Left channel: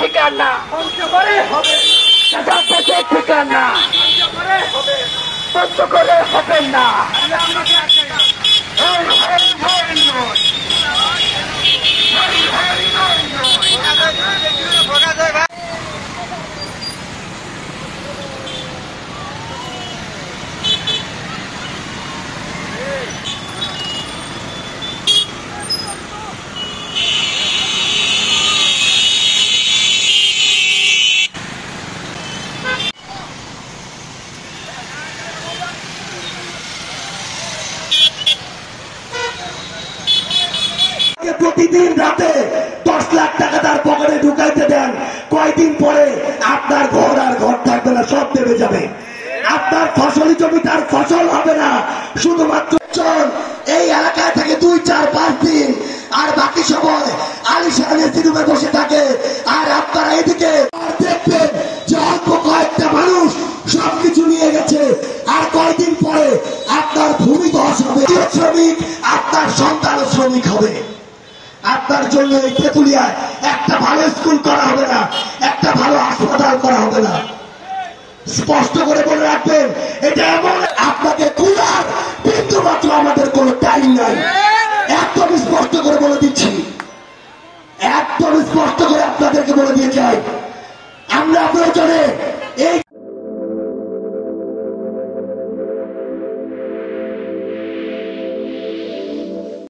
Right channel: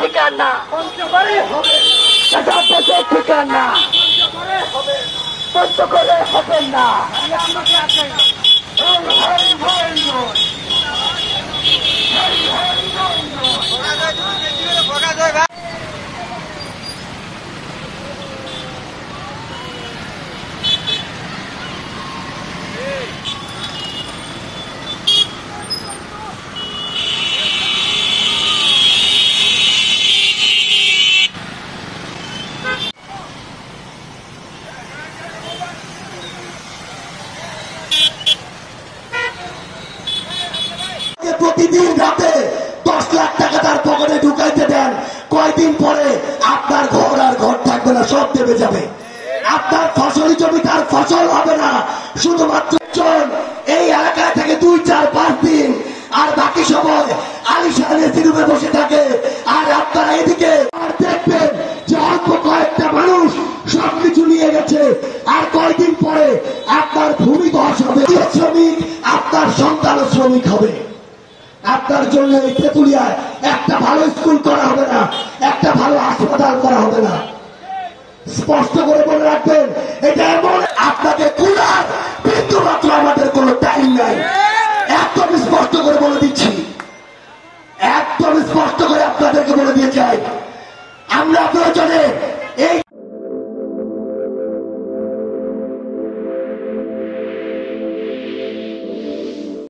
ঠিকানা ঠিকানা বন্ধ করে হবে না। প্রতিদিন রাতে 10 লাখ টাকা তার পকেটে ঢুকাইতে দেন, কয়দিন পরে আপনার ঘর আর ঘর থাকবে না, সব দেবে যাবে। আপনার ফসলি জমি তার ফসল হবে না, শুধুমাত্র এই এলাকায় থেকে 2, 4, 5 দিন, আর বাকি সময় আলিশান এসি রুমে বসে থাকে। আর আপনারা এদিকে দেখবেন যে অল্প কয়েকটা মানুষ সবকিছু নিয়ে গেছে, আর কয়দিন পরে আপনার ভূমি ধস হবে, শ্রমিক আপনার সন্তান শ্রমিক হবে। আপনার জন্য এই তেঁতুলিয়ায় একটা ভালো স্কুল করা হবে না, একটা ভালো হাসপাতাল করা হবে না। স্পষ্ট করে বলে রাখবেন, এটা এমন আপনাকে কুলার বিন্দু মাত্র আমাদের কোনো টাইম নাই। একদম স্পষ্ট করে বলে দিচ্ছি, একদম স্পষ্ট করে আপনাদেরকে বলে দিয়ে যাই, আমরা প্রয়োজনে এই